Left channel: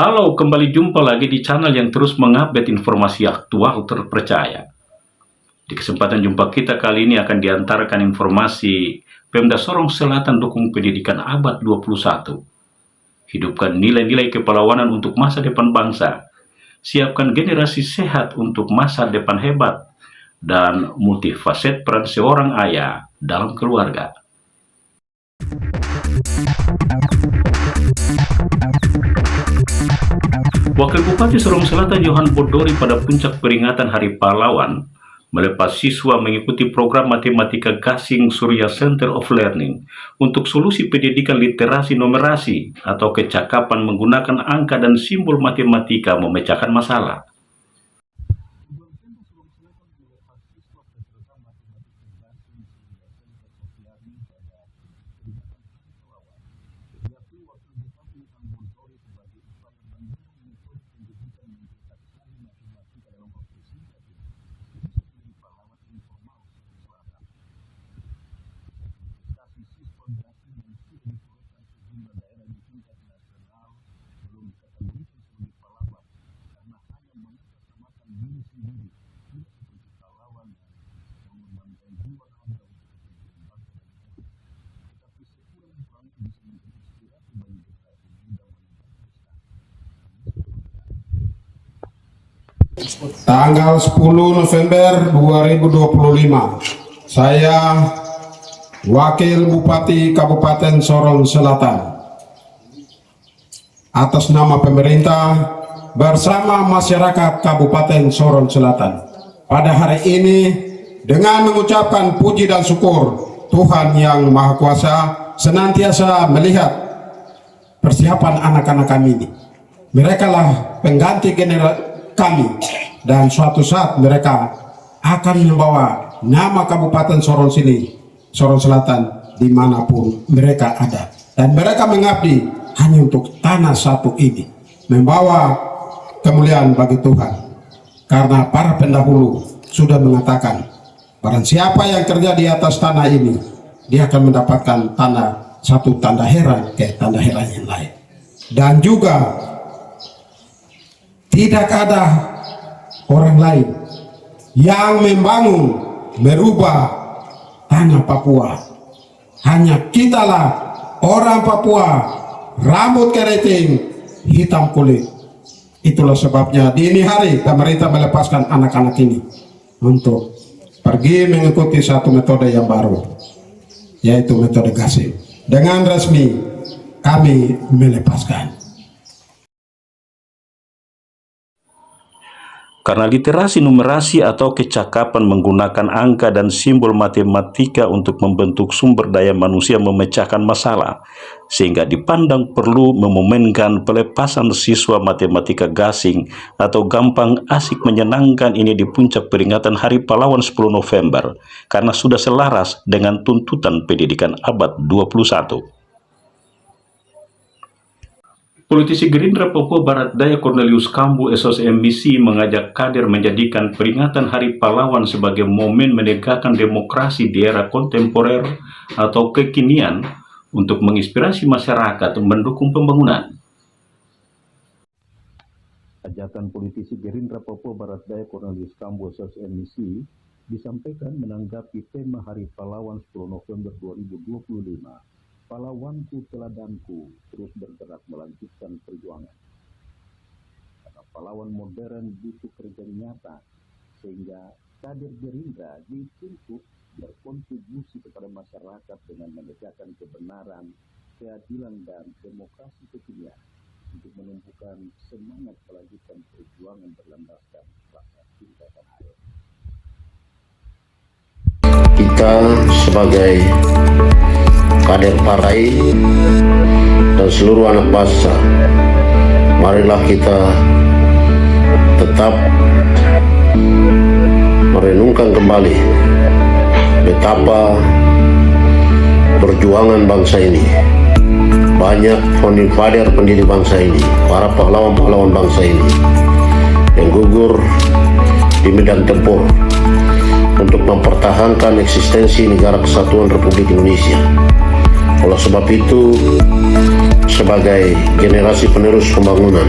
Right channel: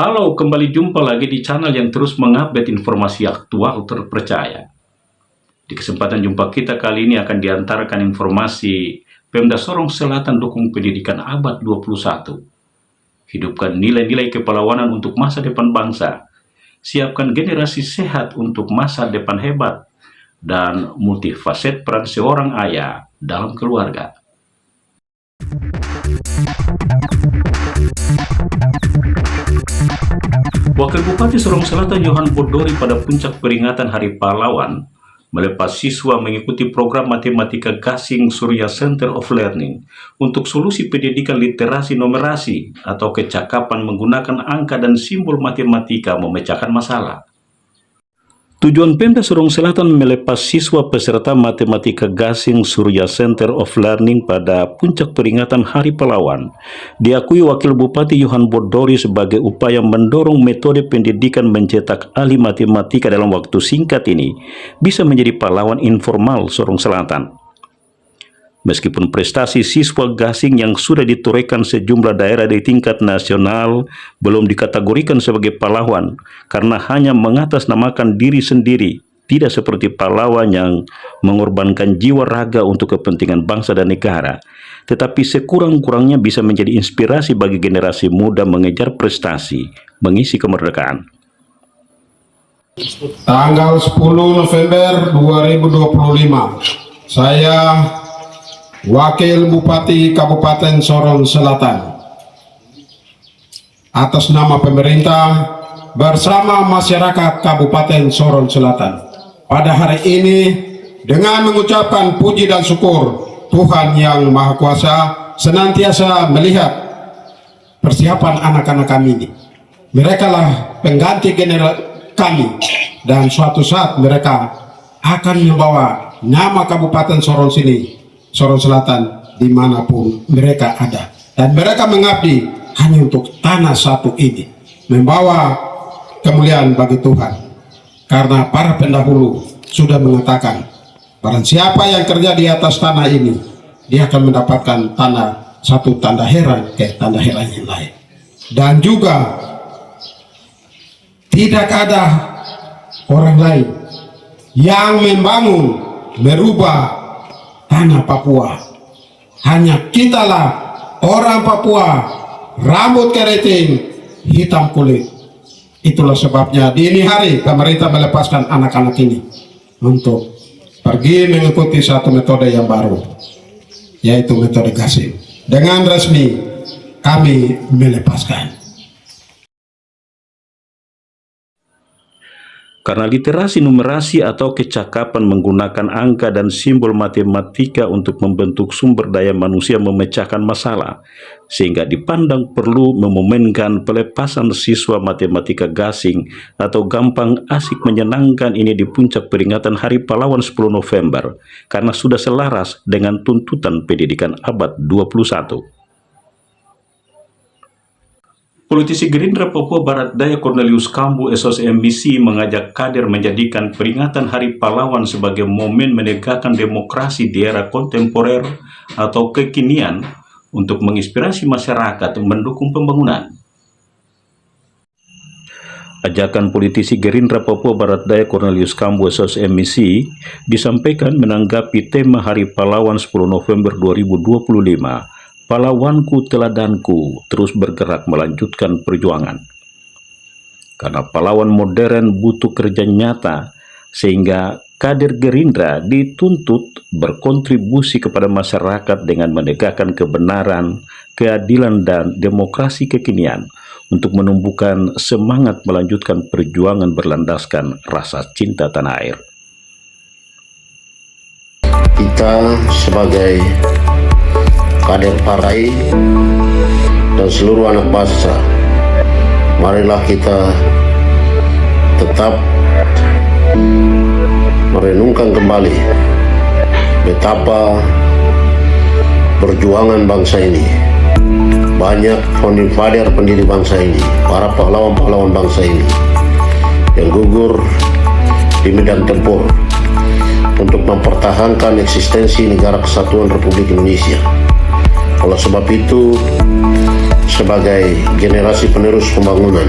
Halo, kembali jumpa lagi di channel yang terus mengupdate informasi aktual terpercaya. Di kesempatan jumpa kita kali ini akan diantarkan informasi Pemda Sorong Selatan dukung pendidikan abad 21. Hidupkan nilai-nilai kepahlawanan untuk masa depan bangsa. Siapkan generasi sehat untuk masa depan hebat. Dan multifaset peran seorang ayah dalam keluarga. Wakil Bupati Sorong Selatan Johan Bodori pada puncak peringatan Hari Pahlawan melepas siswa mengikuti program Matematika Gasing Surya Center of Learning untuk solusi pendidikan literasi numerasi atau kecakapan menggunakan angka dan simbol matematika memecahkan masalah. Tujuan Pemda Sorong Selatan melepas siswa peserta Matematika Gasing Surya Center of Learning pada puncak peringatan Hari Pahlawan diakui Wakil Bupati Johan Bodori sebagai upaya mendorong metode pendidikan mencetak ahli matematika dalam waktu singkat ini bisa menjadi pahlawan informal Sorong Selatan. Meskipun prestasi siswa Gasing yang sudah ditorehkan sejumlah daerah di tingkat nasional belum dikategorikan sebagai pahlawan karena hanya mengatasnamakan diri sendiri, tidak seperti pahlawan yang mengorbankan jiwa raga untuk kepentingan bangsa dan negara, tetapi sekurang-kurangnya bisa menjadi inspirasi bagi generasi muda mengejar prestasi, mengisi kemerdekaan. Tanggal 10 November 2025, saya Wakil Bupati Kabupaten Sorong Selatan atas nama pemerintah bersama masyarakat Kabupaten Sorong Selatan pada hari ini dengan mengucapkan puji dan syukur Tuhan Yang Maha Kuasa senantiasa melihat persiapan anak-anak kami ini. Mereka lah pengganti generasi kami dan suatu saat mereka akan membawa nama Kabupaten Sorong Selatan dimanapun mereka ada, dan mereka mengabdi hanya untuk tanah satu ini, membawa kemuliaan bagi Tuhan, karena para pendahulu sudah mengatakan barang siapa yang kerja di atas tanah ini dia akan mendapatkan tanah satu tanda heran ke tanda heran yang lain. Dan juga tidak ada orang lain yang membangun merubah tanah Papua, hanya kitalah orang Papua, rambut keriting, hitam kulit. Itulah sebabnya di ini hari pemerintah melepaskan anak-anak ini untuk pergi mengikuti satu metode yang baru, yaitu metode gasing. Dengan resmi kami melepaskan. Karena literasi numerasi atau kecakapan menggunakan angka dan simbol matematika untuk membentuk sumber daya manusia memecahkan masalah, sehingga dipandang perlu memomenkan pelepasan siswa Matematika Gasing atau gampang asik menyenangkan ini di puncak peringatan Hari Pahlawan 10 November, karena sudah selaras dengan tuntutan pendidikan abad 21. Politisi Gerindra Papua Barat Daya Cornelius Kambu SOSMBC mengajak kader menjadikan peringatan Hari Pahlawan sebagai momen menegakkan demokrasi di era kontemporer atau kekinian untuk menginspirasi masyarakat mendukung pembangunan. Ajakan politisi Gerindra Papua Barat Daya Cornelius Kambu SOSMBC disampaikan menanggapi tema Hari Pahlawan 10 November 2025. Pahlawanku teladanku terus bergerak melanjutkan perjuangan. Karena pahlawan modern butuh kerja nyata, sehingga kader Gerindra dituntut berkontribusi kepada masyarakat dengan menegakkan kebenaran, keadilan, dan demokrasi kekinian untuk menumbuhkan semangat melanjutkan perjuangan berlandaskan rasa cinta tanah air. Kita sebagai kader partai dan seluruh anak bangsa, marilah kita tetap merenungkan kembali betapa perjuangan bangsa ini. Banyak founding father pendiri bangsa ini, para pahlawan-pahlawan bangsa ini yang gugur di medan tempur untuk mempertahankan eksistensi Negara Kesatuan Republik Indonesia. Oleh sebab itu, sebagai generasi penerus pembangunan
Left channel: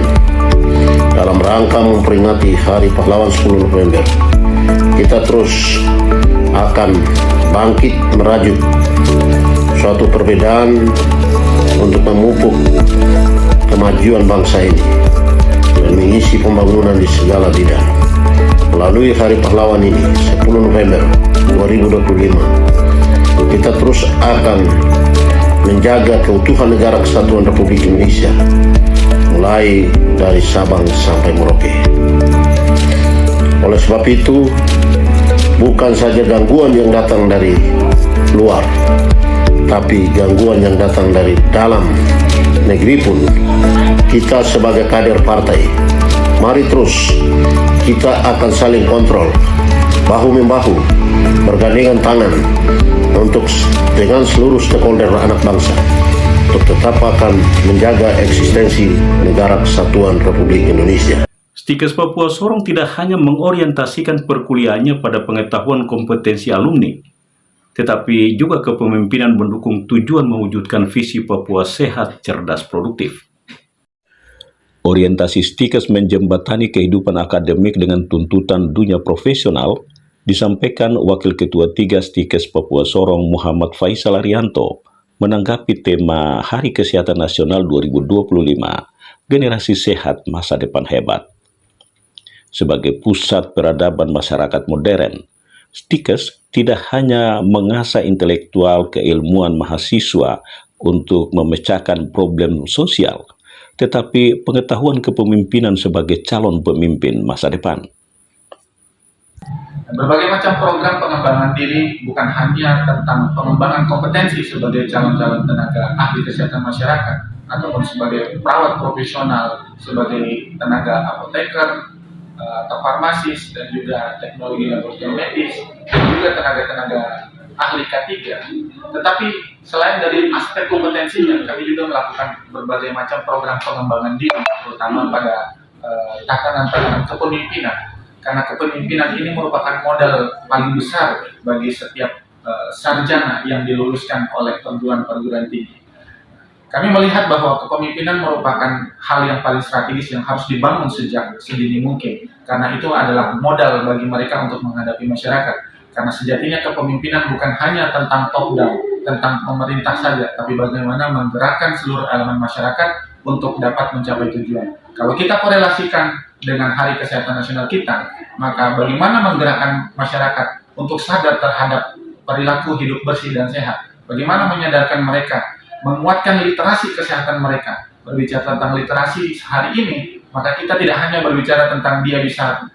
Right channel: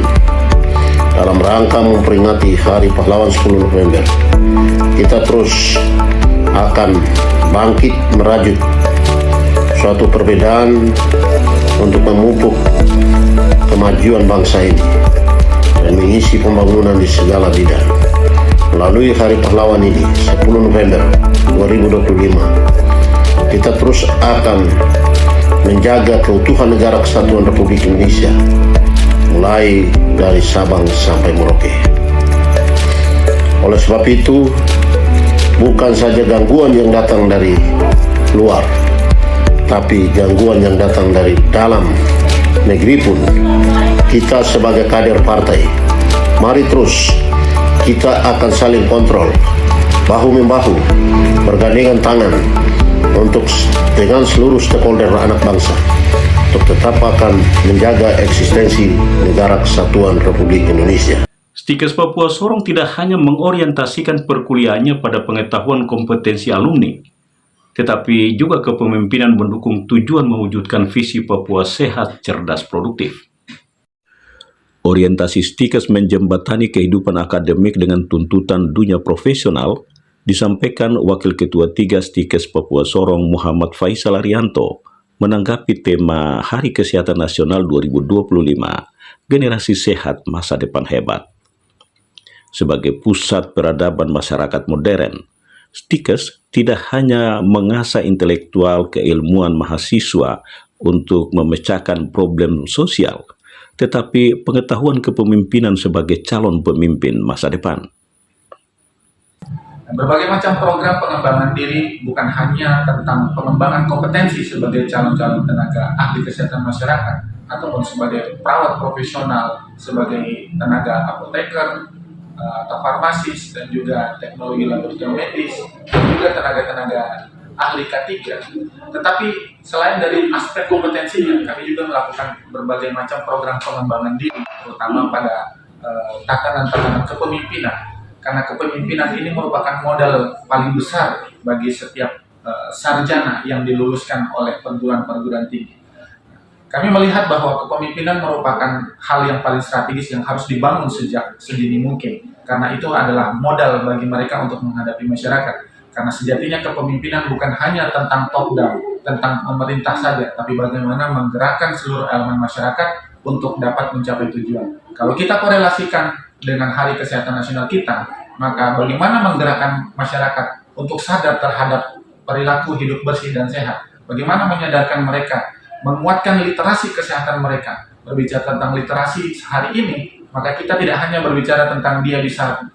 dalam rangka memperingati Hari Pahlawan 10 November, kita terus akan bangkit merajut suatu perbedaan untuk memupuk kemajuan bangsa ini dan mengisi pembangunan di segala bidang. Melalui Hari Pahlawan ini, 10 November 2025, kita terus akan menjaga keutuhan negara kesatuan Republik Indonesia, mulai dari Sabang sampai Merauke. Oleh sebab itu, bukan saja gangguan yang datang dari luar, tapi gangguan yang datang dari dalam negeri pun, kita sebagai kader partai, mari terus kita akan saling kontrol, bahu-membahu, bergandengan tangan untuk dengan seluruh stakeholder anak bangsa untuk tetap akan menjaga eksistensi negara kesatuan Republik Indonesia. Stikes Papua Sorong tidak hanya mengorientasikan perkuliahannya pada pengetahuan kompetensi alumni, tetapi juga kepemimpinan mendukung tujuan mewujudkan visi Papua sehat, cerdas, produktif. Orientasi Stikes menjembatani kehidupan akademik dengan tuntutan dunia profesional, disampaikan Wakil Ketua 3 Stikes Papua Sorong Muhammad Faisal Arianto menanggapi tema Hari Kesehatan Nasional 2025, Generasi Sehat Masa Depan Hebat. Sebagai pusat peradaban masyarakat modern, Stikes tidak hanya mengasah intelektual keilmuan mahasiswa untuk memecahkan problem sosial, tetapi pengetahuan kepemimpinan sebagai calon pemimpin masa depan. Berbagai macam program pengembangan diri bukan hanya tentang pengembangan kompetensi sebagai calon-calon tenaga ahli kesehatan masyarakat ataupun sebagai perawat profesional, sebagai tenaga apoteker atau farmasis, dan juga teknologi laboratorium medis, dan juga tenaga-tenaga ahli K3. Tetapi selain dari aspek kompetensinya, kami juga melakukan berbagai macam program pengembangan diri, terutama pada tatanan-tatanan kepemimpinan. Karena kepemimpinan ini merupakan modal paling besar bagi setiap sarjana yang diluluskan oleh perguruan-perguruan tinggi. Kami melihat bahwa kepemimpinan merupakan hal yang paling strategis yang harus dibangun sejak sedini mungkin, karena itu adalah modal bagi mereka untuk menghadapi masyarakat. Karena sejatinya kepemimpinan bukan hanya tentang top down, tentang pemerintah saja, tapi bagaimana menggerakkan seluruh elemen masyarakat untuk dapat mencapai tujuan. Kalau kita korelasikan dengan Hari Kesehatan Nasional kita, maka bagaimana menggerakkan masyarakat untuk sadar terhadap perilaku hidup bersih dan sehat, bagaimana menyadarkan mereka, menguatkan literasi kesehatan mereka. Berbicara tentang literasi hari ini, maka kita tidak hanya berbicara tentang dia bisa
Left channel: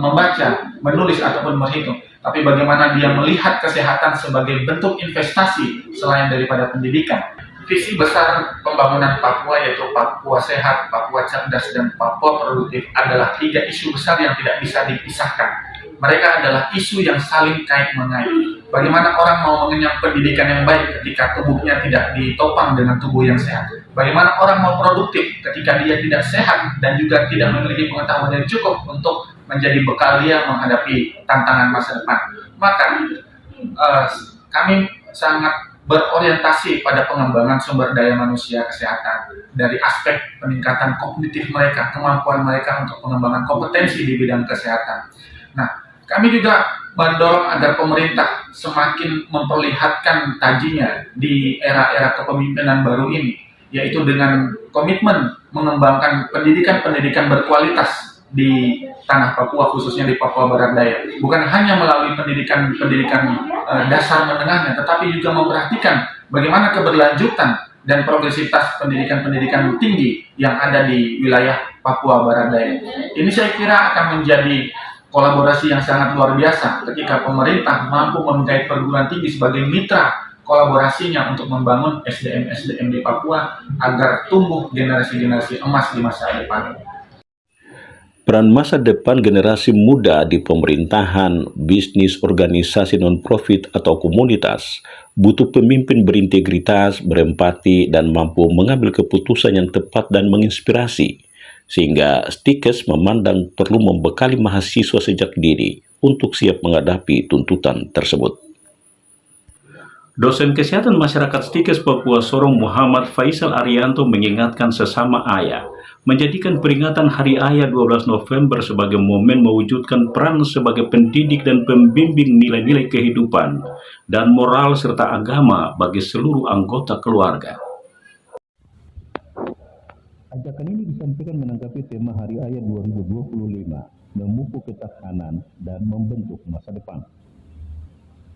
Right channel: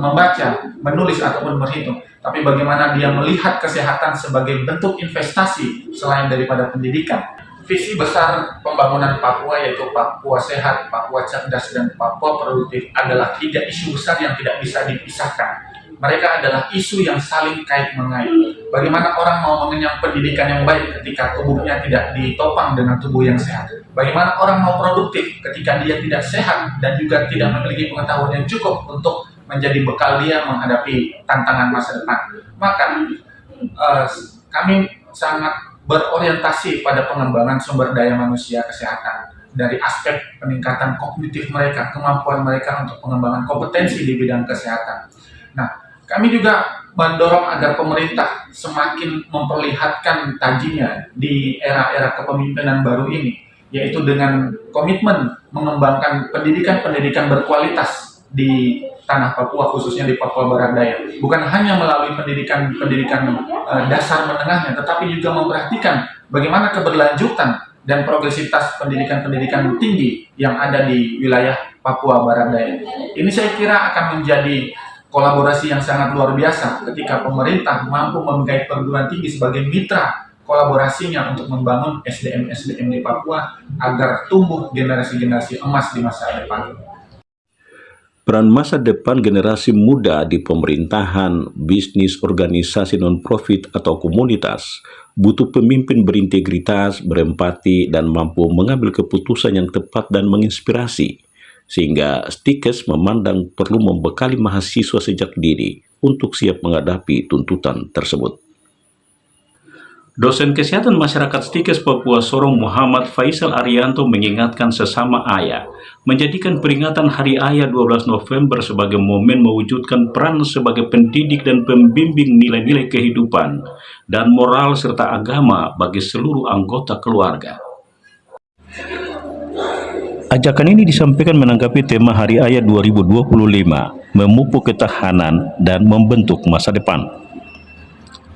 membaca, menulis, ataupun berhitung, tapi bagaimana dia melihat kesehatan sebagai bentuk investasi selain daripada pendidikan. Visi besar pembangunan Papua, yaitu Papua Sehat, Papua Cerdas, dan Papua Produktif, adalah 3 isu besar yang tidak bisa dipisahkan. Mereka adalah isu yang saling kait-mengait. Bagaimana orang mau mengenyam pendidikan yang baik ketika tubuhnya tidak ditopang dengan tubuh yang sehat? Bagaimana orang mau produktif ketika dia tidak sehat dan juga tidak memiliki pengetahuan yang cukup untuk menjadi bekal dia menghadapi tantangan masa depan? Maka kami sangat berorientasi pada pengembangan sumber daya manusia kesehatan dari aspek peningkatan kognitif mereka, kemampuan mereka untuk pengembangan kompetensi di bidang kesehatan. Nah, kami juga mendorong agar pemerintah semakin memperlihatkan tajinya di era-era kepemimpinan baru ini, yaitu dengan komitmen mengembangkan pendidikan-pendidikan berkualitas di tanah Papua, khususnya di Papua Barat Daya. Bukan hanya melalui pendidikan dasar menengahnya, tetapi juga memperhatikan bagaimana keberlanjutan dan progresivitas pendidikan-pendidikan tinggi yang ada di wilayah Papua Barat Daya. Ini saya kira akan menjadi kolaborasi yang sangat luar biasa ketika pemerintah mampu menggait perguruan tinggi sebagai mitra kolaborasinya untuk membangun SDM-SDM di Papua agar tumbuh generasi-generasi emas di masa depan. Peran masa depan generasi muda di pemerintahan, bisnis, organisasi non-profit atau komunitas butuh pemimpin berintegritas, berempati, dan mampu mengambil keputusan yang tepat dan menginspirasi, sehingga Stikes memandang perlu membekali mahasiswa sejak dini untuk siap menghadapi tuntutan tersebut. Dosen Kesehatan Masyarakat Stikes Papua Sorong Muhammad Faisal Arianto mengingatkan sesama ayah menjadikan peringatan Hari Ayah 12 November sebagai momen mewujudkan peran sebagai pendidik dan pembimbing nilai-nilai kehidupan dan moral serta agama bagi seluruh anggota keluarga. Ajakan ini disampaikan menanggapi tema Hari Ayah 2025, memupuk ketahanan dan membentuk masa depan.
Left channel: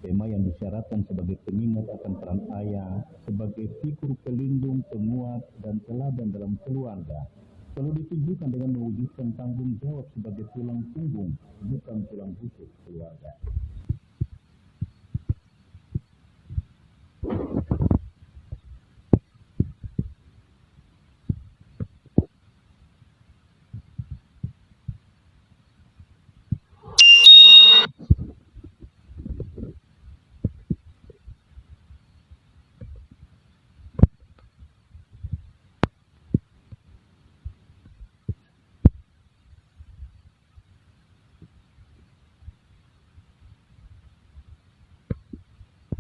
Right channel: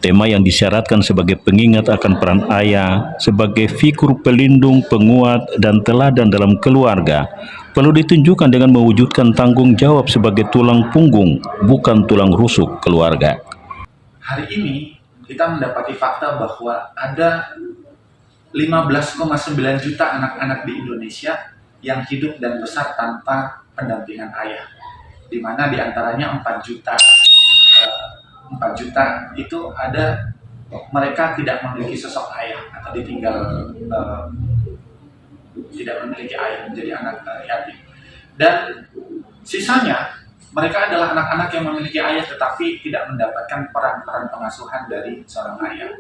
Tema yang disyaratkan sebagai pengingat akan peran ayah sebagai figur pelindung, penguat, dan teladan dalam keluarga perlu ditunjukkan dengan mewujudkan tanggung jawab sebagai tulang punggung, bukan tulang rusuk keluarga. Hari ini kita mendapati fakta bahwa ada 15,9 juta anak-anak di Indonesia yang hidup dan besar tanpa pendampingan ayah, di mana diantaranya 4 juta itu ada mereka tidak memiliki sosok ayah atau ditinggal tidak memiliki ayah, menjadi anak yatim. Dan sisanya mereka adalah anak-anak yang memiliki ayah tetapi tidak mendapatkan peran-peran pengasuhan dari seorang ayah.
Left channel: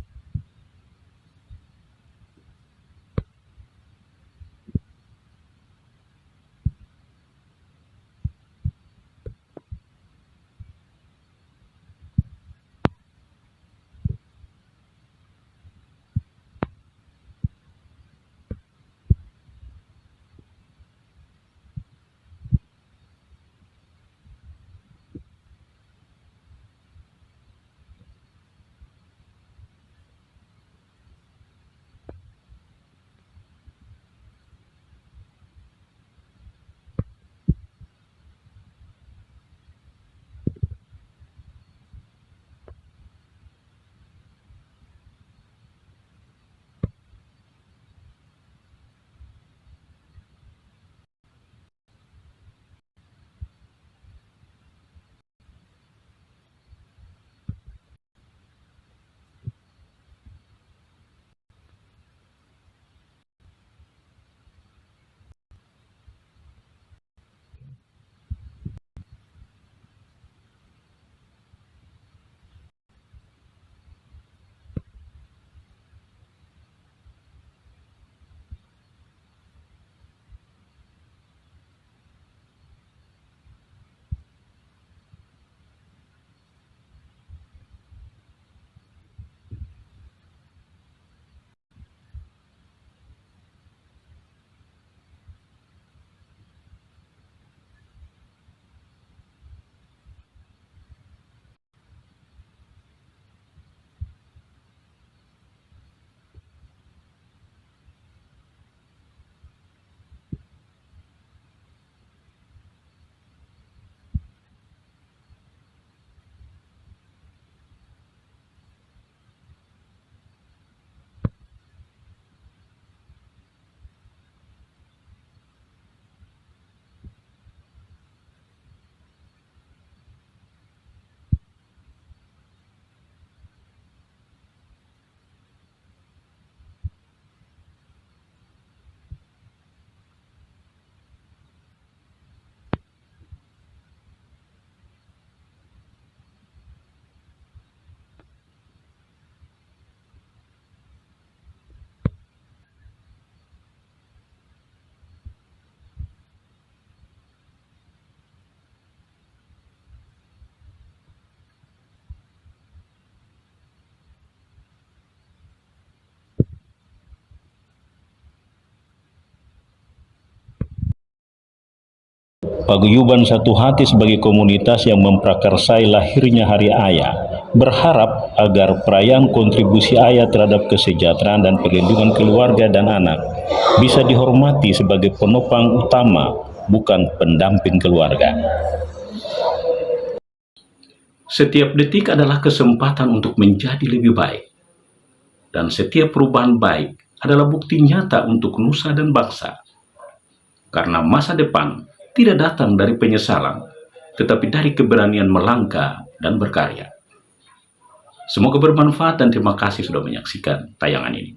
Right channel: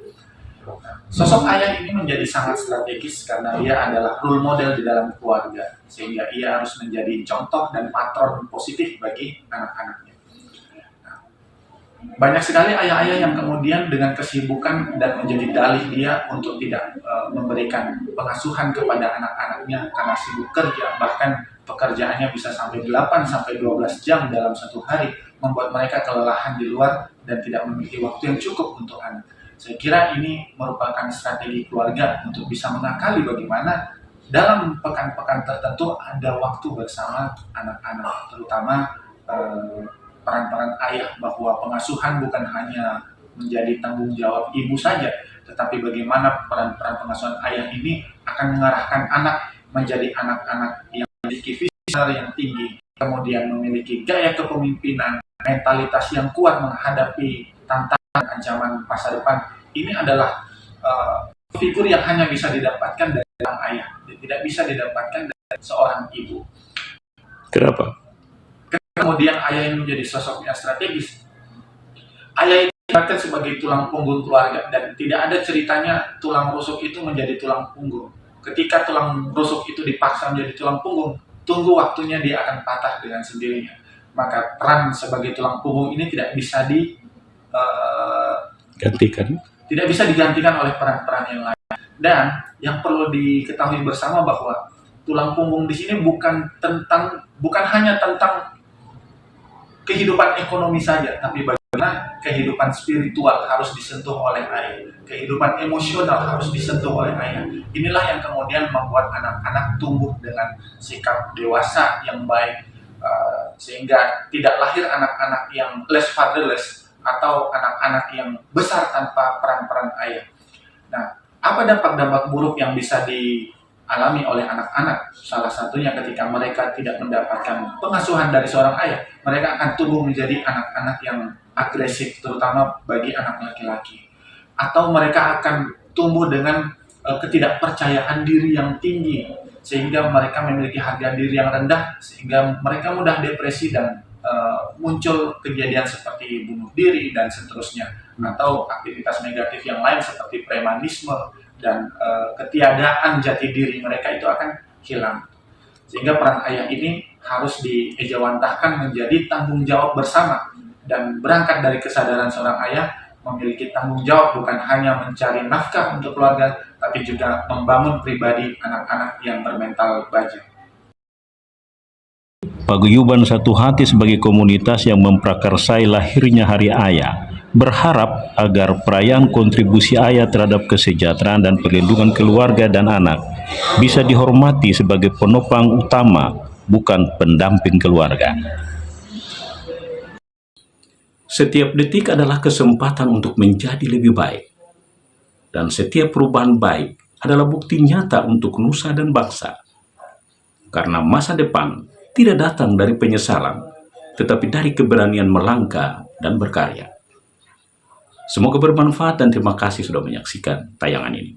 Sosok ayah ini menjadi sangat strategis karena ia adalah role model di dalam keluarga, sehingga ia harus menjadi contoh dan patron positif bagi anak-anaknya. Banyak sekali ayah-ayah yang kemudian dengan kesibukan dan menjadi dalih dia untuk tidak memberikan pengasuhan kepada anak-anaknya karena sibuk kerja, bahkan pekerjaannya bisa sampai 8-12 jam dalam satu hari, membuat mereka kelelahan di luar dan tidak memiliki waktu yang cukup untuk anak. Saya kira ini merupakan strategi keluarga untuk bisa mengakali bagaimana dalam pekan-pekan tertentu ada waktu bersama anak-anak, terutama peran-peran ayah, bahwa pengasuhan bukan hanya menjadi tanggung jawab ibu saja, tetapi bagaimana peran-peran pengasuhan ayah ini akan mengarahkan anak menjadi anak-anak yang memiliki visi yang tinggi, kemudian memiliki gaya kepemimpinan, mentalitas yang kuat menghadapi tantangan ancaman masa depan. Ini adalah figur yang hanya bisa didapatkan dari seorang ayah, tidak bisa didapatkan dari seorang ibu. Kenapa? Kemudian ayah yang menjadi sosok yang strategis. Ayah ini dikatakan sebagai tulang punggung keluarga, dan tidak ada ceritanya tulang rusuk itu menjadi tulang punggung. Ketika tulang rusuk itu dipaksa menjadi tulang punggung, tunggu waktunya dia akan patah dengan sendirinya. Maka peran sebagai tulang punggung ini tidak bisa digantikan oleh peran-peran yang lain. Dan yang perlu diketahui bersama bahwa tulang punggung di sini bukan hanya tentang kehidupan ekonomi saja, tapi bagaimana kehidupan spiritual harus disentuh oleh ayah, kehidupan emosional harus disentuh oleh ayah. Inilah yang kemudian membuat anak-anak tumbuh dengan sikap dewasa yang baik, sehingga tidak lahir anak-anak yang less fatherless atau anak-anak yang besar tanpa peran-peran ayah. Nah, apa dampak-dampak buruk yang bisa dialami oleh anak-anak? Salah satunya ketika mereka tidak mendapatkan pengasuhan dari seorang ayah, mereka akan tumbuh menjadi anak-anak yang agresif, terutama bagi anak laki-laki. Atau mereka akan tumbuh dengan ketidakpercayaan diri yang tinggi, sehingga mereka memiliki harga diri yang rendah, sehingga mereka mudah depresi dan muncul kejadian seperti bunuh diri dan seterusnya, atau aktivitas negatif yang lain seperti premanisme dan ketiadaan jati diri mereka itu akan hilang. Sehingga peran ayah ini harus diejawantahkan menjadi tanggung jawab bersama, dan berangkat dari kesadaran seorang ayah memiliki tanggung jawab bukan hanya mencari nafkah untuk keluarga, tapi juga membangun pribadi anak-anak yang bermental baja. Paguyuban Satu Hati sebagai komunitas yang memprakarsai lahirnya Hari Ayah berharap agar perayaan kontribusi ayah terhadap kesejahteraan dan perlindungan keluarga dan anak bisa dihormati sebagai penopang utama, bukan pendamping keluarga. Setiap detik adalah kesempatan untuk menjadi lebih baik, dan setiap perubahan baik adalah bukti nyata untuk nusa dan bangsa. Karena masa depan tidak datang dari penyesalan, tetapi dari keberanian melangkah dan berkarya. Semoga bermanfaat dan terima kasih sudah menyaksikan tayangan ini.